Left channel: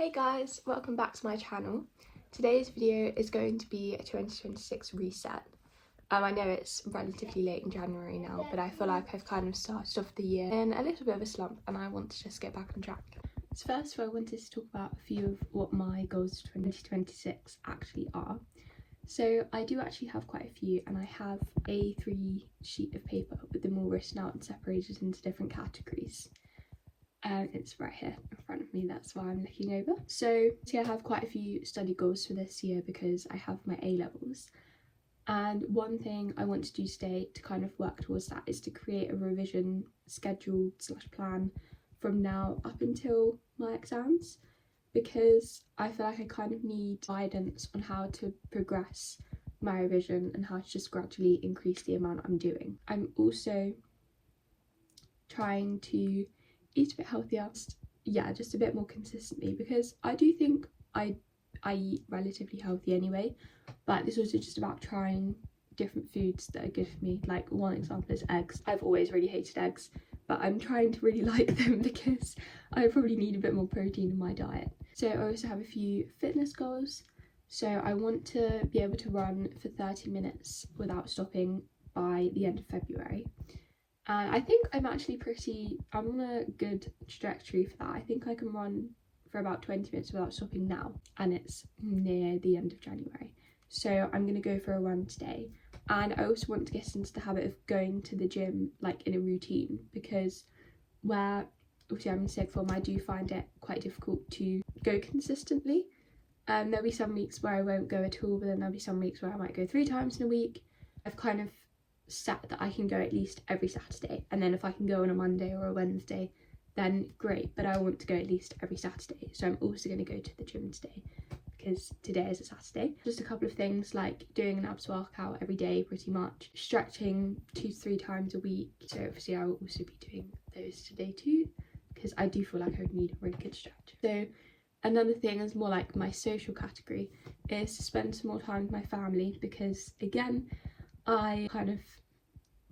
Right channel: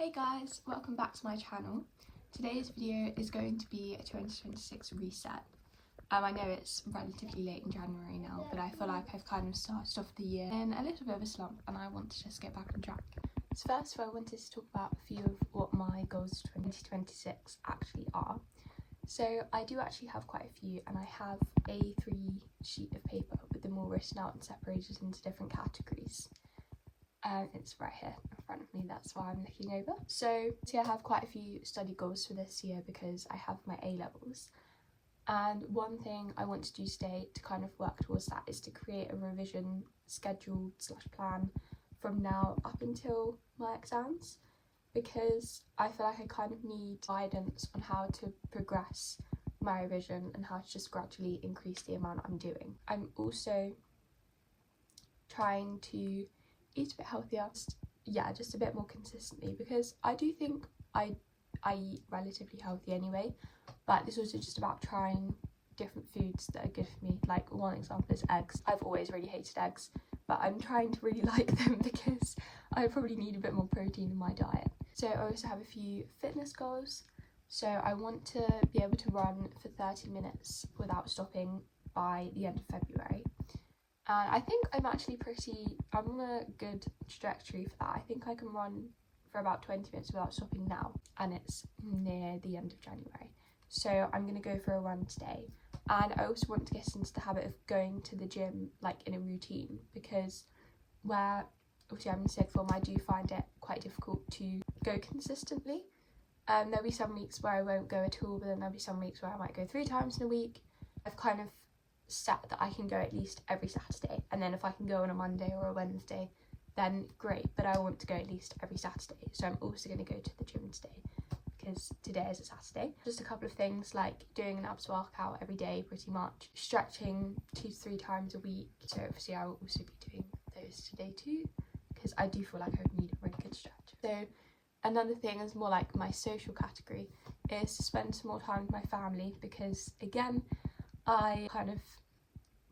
Hey guys, welcome back to my channel. Today's video is going to be a 2026 reset. I know it's relatively late in January now, but I feel like I've kind of started off the year in a little bit of a slump and I want to just get back on track. So first of all, I wanted to talk about a few of what my goals for 2026 actually are. So I do actually have quite a few, and I have a A3 sheet of paper with them all written out and separated into different categories. It's right here in front of me, that's why I'm looking over. So I have quite a few study goals for this year because I have my A-levels, and one thing I want to do today to kind of work towards that is to create a revision schedule / plan from now up until my exams, because I feel like I kind of need guidance on how to progress my revision and how to just gradually increase the amount I'm doing. I'm also trying to eat a bit healthier, just a bit more consistently, because I do think I eat relatively healthy anyway, but it's also just about trying different foods that are good for me. Like, one example is eggs. I've always really hated eggs, but I'm trying to really like them because I probably need a bit more protein in my diet. So I also have a few fitness goals. So I want to be able to run for 30 minutes without stopping by the end of February. And I think I'm on a good trajectory for that. I think I can run for about 20 minutes without stopping now, and it's near the end of January. So I'm going to go for a run today. And I also want to get into the habit of going to the gym like in a routine, because where obviously I'm in sixth form, I do find it quite difficult to go consistently. There'll be some weeks where I won't go at all, but then there'll be some weeks where I might go 3 times in a week. I've kind of set that I can go at least every Saturday, and then if I can go on a Monday or a Wednesday, then great, but I want to go at least every Saturday. So I'm also going to go to the gym today because today is a Saturday. Just a couple of things like doing an abs workout every day pretty much, stretching 2 to 3 times a week. So obviously I will also be doing those today too, because I do feel like I would need a really good stretch. So another thing is more like my social category, is to spend some more time with my family, because again, I kind of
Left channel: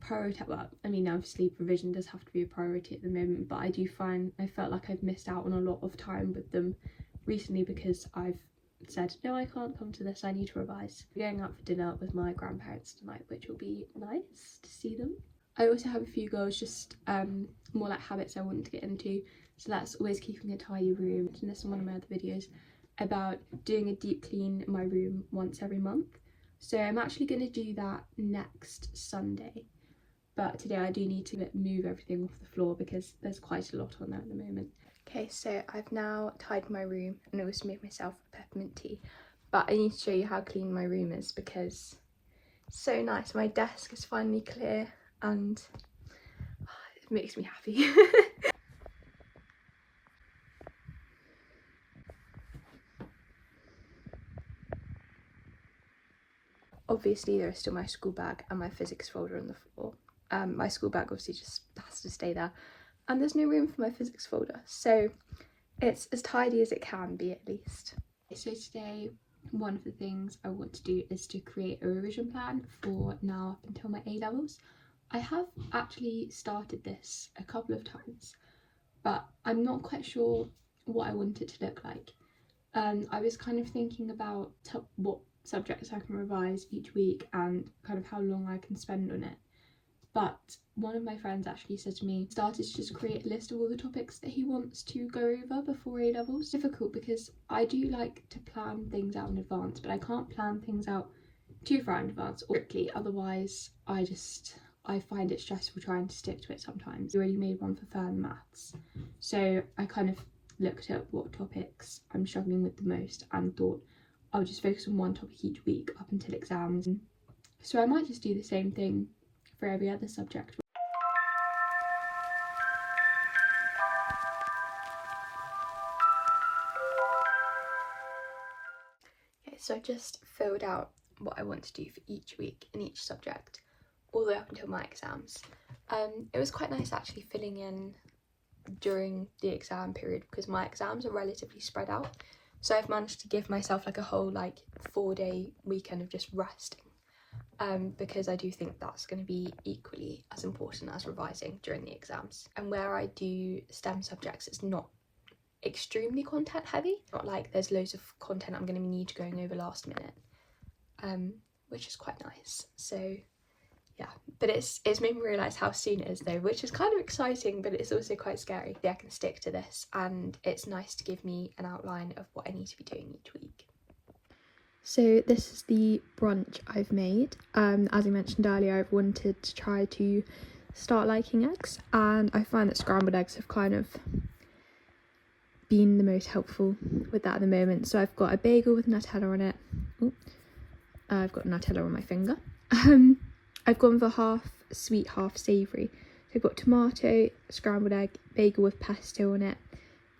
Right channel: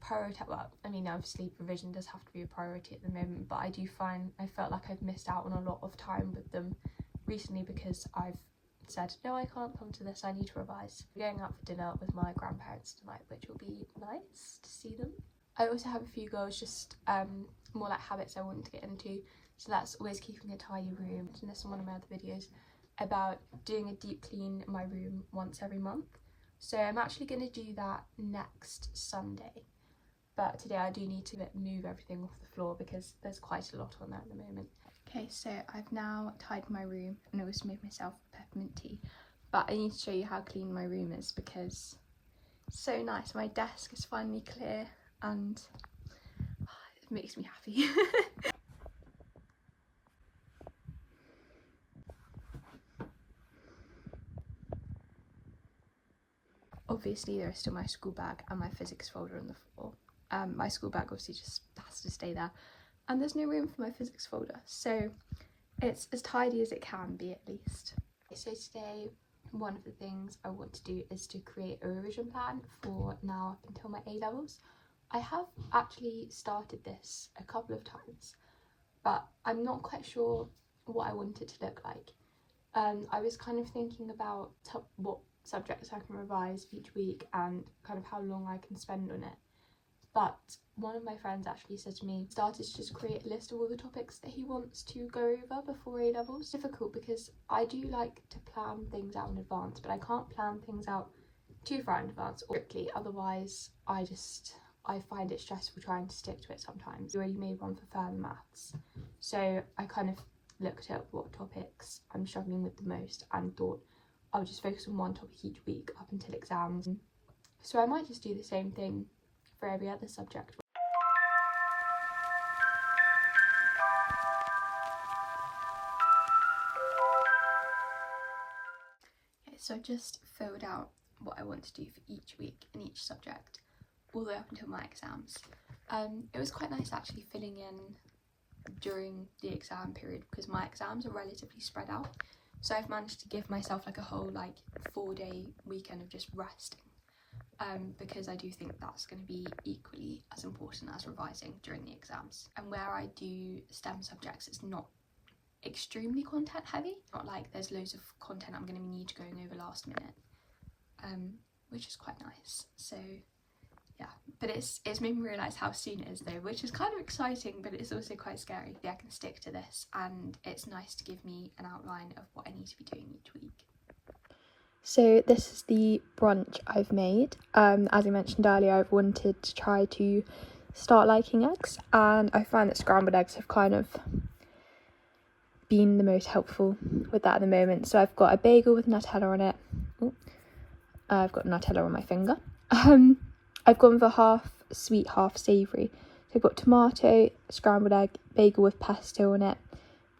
prioritize, well, I mean obviously revision does have to be a priority at the moment, but I felt like I've missed out on a lot of time with them recently because I've said no, I can't come to this, I need to revise. I'm going out for dinner with my grandparents tonight, which will be nice to see them. I also have a few goals, just more like habits I want to get into. So that's always keeping a tidy room, and this is one of my other videos about doing a deep clean in my room once every month. So I'm actually going to do that next Sunday, but today I do need to move everything off the floor because there's quite a lot on there at the moment. Okay, so I've now tidied my room and also made myself a peppermint tea, but I need to show you how clean my room is because it's so nice. My desk is finally clear and it makes me happy. Obviously there's still my school bag and my physics folder on the floor. My school bag obviously just has to stay there, and there's no room for my physics folder, so it's as tidy as it can be at least. So today, one of the things I want to do is to create a revision plan for now up until my A-levels. I have actually started this a couple of times, but I'm not quite sure what I want it to look like. I was kind of thinking about what subjects I can revise each week and kind of how long I can spend on it. But one of my friends actually said to me, started to just create a list of all the topics that he wants to go over before A-levels. It's difficult because I do like to plan things out in advance, but I can't plan things out too far in advance or quickly, otherwise I find it stressful trying to stick to it sometimes. I already made one for further maths, so I kind of looked at what topics I'm struggling with the most and thought I would just focus on one topic each week up until exams. So I might just do the same thing for every other subject. Okay, so I've just filled out what I want to do for each week in each subject, all the way up until my exams. It was quite nice actually filling in during the exam period because my exams are relatively spread out, so I've managed to give myself like a whole 4-day weekend of just resting, because I do think that's going to be equally as important as revising during the exams. And where I do STEM subjects, it's not extremely content heavy. Not like there's loads of content I'm going to need going over last minute, which is quite nice. So yeah, but it's made me realise how soon it is though, which is kind of exciting, but it's also quite scary. Yeah, I can stick to this, and it's nice to give me an outline of what I need to be doing each week. So this is the brunch I've made. As I mentioned earlier, I've wanted to try to start liking eggs, and I find that scrambled eggs have kind of been the most helpful with that at the moment. So I've got a bagel with Nutella on it. Ooh, I've got Nutella on my finger. I've gone for half sweet, half savoury. So I've got tomato, scrambled egg, bagel with pesto on it,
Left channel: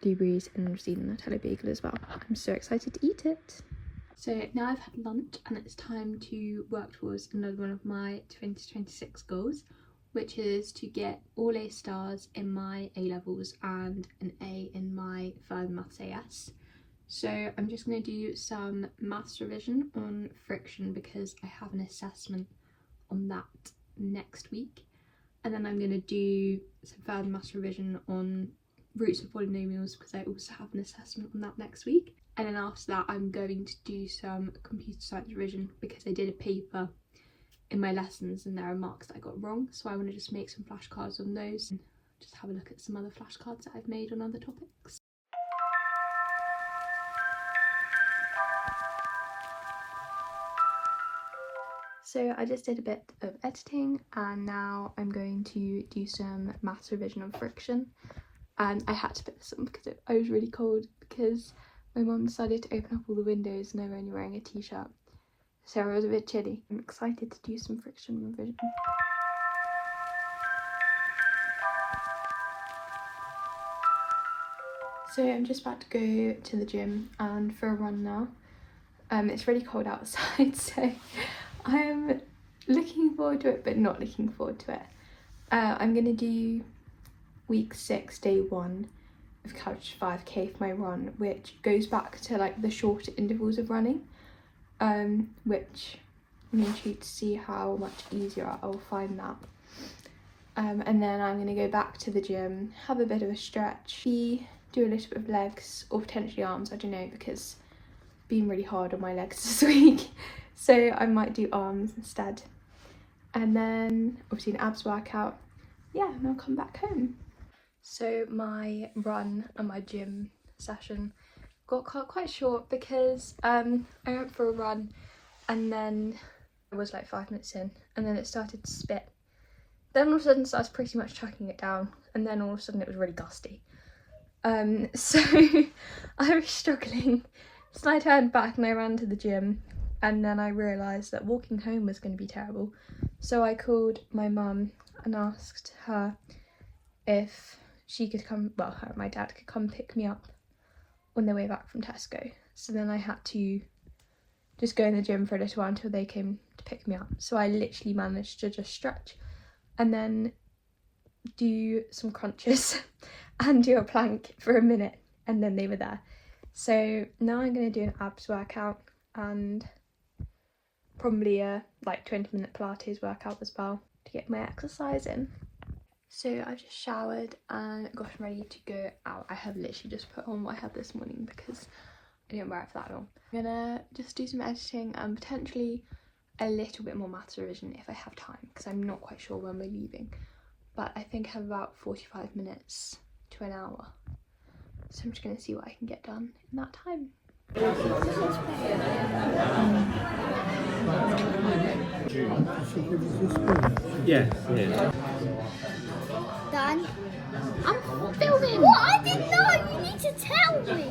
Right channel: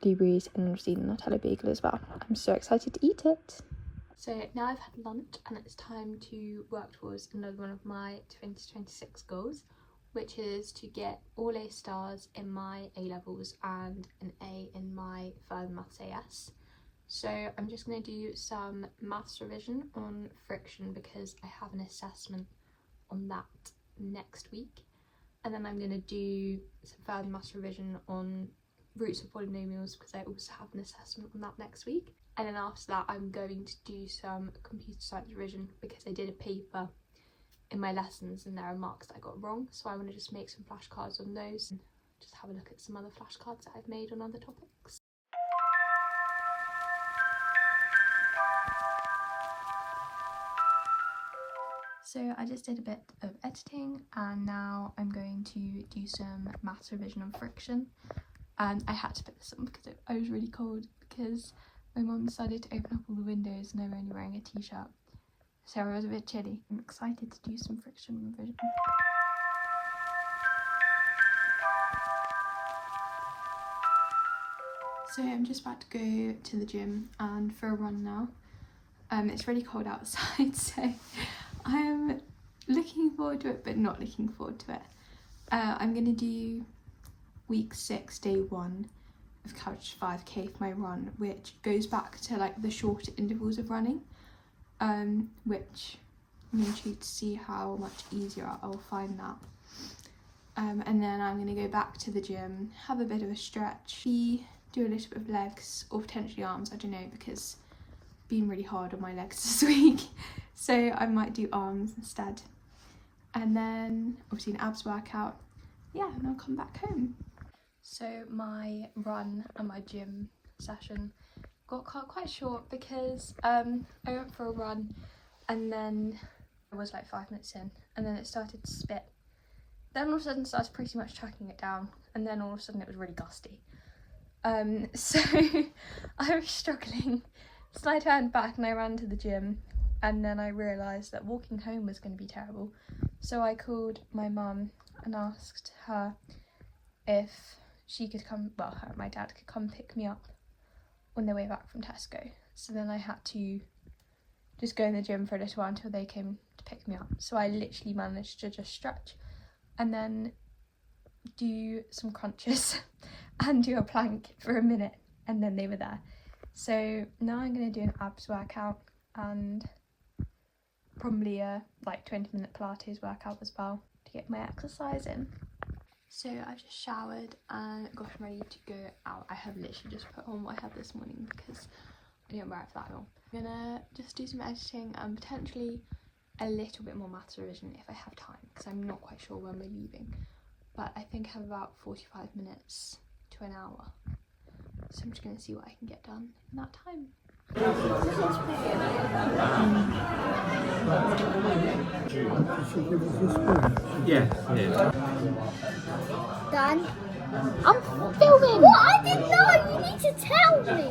blueberries, and obviously the Nutella bagel as well. I'm so excited to eat it. So now I've had lunch and it's time to work towards another one of my 2026 goals, which is to get all A stars in my A levels and an A in my further maths AS. So I'm just going to do some maths revision on friction because I have an assessment on that next week, and then I'm going to do some further maths revision on roots of polynomials because I also have an assessment on that next week. And then after that I'm going to do some computer science revision because I did a paper in my lessons and there are marks that I got wrong, so I want to just make some flashcards on those and just have a look at some other flashcards that I've made on other topics. So I just did a bit of editing and now I'm going to do some maths revision on friction, and I had to put this on because I was really cold because my mum decided to open up all the windows and I'm only wearing a t-shirt, so I was a bit chilly. I'm excited to do some friction revision. So I'm just about to go to the gym and for a run now. It's really cold outside, so I'm looking forward to it but not looking forward to it. I'm going to do week 6, day 1 of Couch 5k for my run, which goes back to like the shorter intervals of running, which I'm intrigued to see how much easier I'll find that. And then I'm going to go back to the gym, have a bit of a stretch, do a little bit of legs or potentially arms, I don't know, because I've been really hard on my legs this week, so I might do arms instead. And then obviously an abs workout, yeah, and I'll come back home. So my run and my gym session got quite short because I went for a run and then I was like 5 minutes in and then it started to spit. Then all of a sudden I was pretty much chucking it down, and then all of a sudden it was really gusty. So I was struggling. So I turned back and I ran to the gym, and then I realised that walking home was going to be terrible. So I called my mum and asked her if she could come, well, her and my dad could come pick me up on their way back from Tesco. So then I had to just go in the gym for a little while until they came to pick me up. So I literally managed to just stretch and then do some crunches and do a plank for a minute, and then they were there. So now I'm going to do an abs workout and probably a like 20-minute Pilates workout as well to get my exercise in. So I just showered and got ready to go out. I have literally just put on what I had this morning because I didn't wear it for that long. I'm gonna just do some editing and potentially a little bit more maths revision if I have time, because I'm not quite sure when we're leaving. But I think I have about 45 minutes to an hour. So I'm just gonna see what I can get done in that time. Yeah. Done. I'm filming! What? I didn't know! You need to tell me!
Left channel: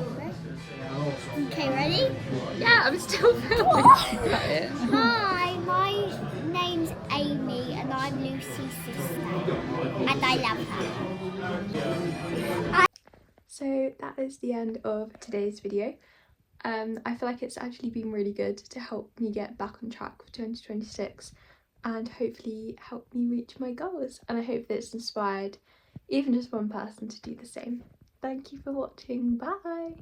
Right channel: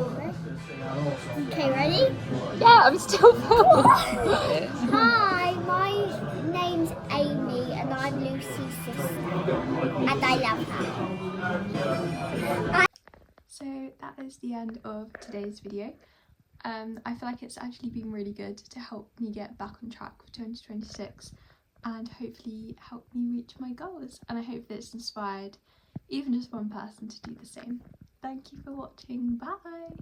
Okay, ready? Yeah, I'm still filming. Hi, my name's Amy and I'm Lucy's sister. And I love her. So that is the end of today's video. I feel like it's actually been really good to help me get back on track for 2026 and hopefully help me reach my goals, and I hope that it's inspired even just one person to do the same. Thank you for watching, bye!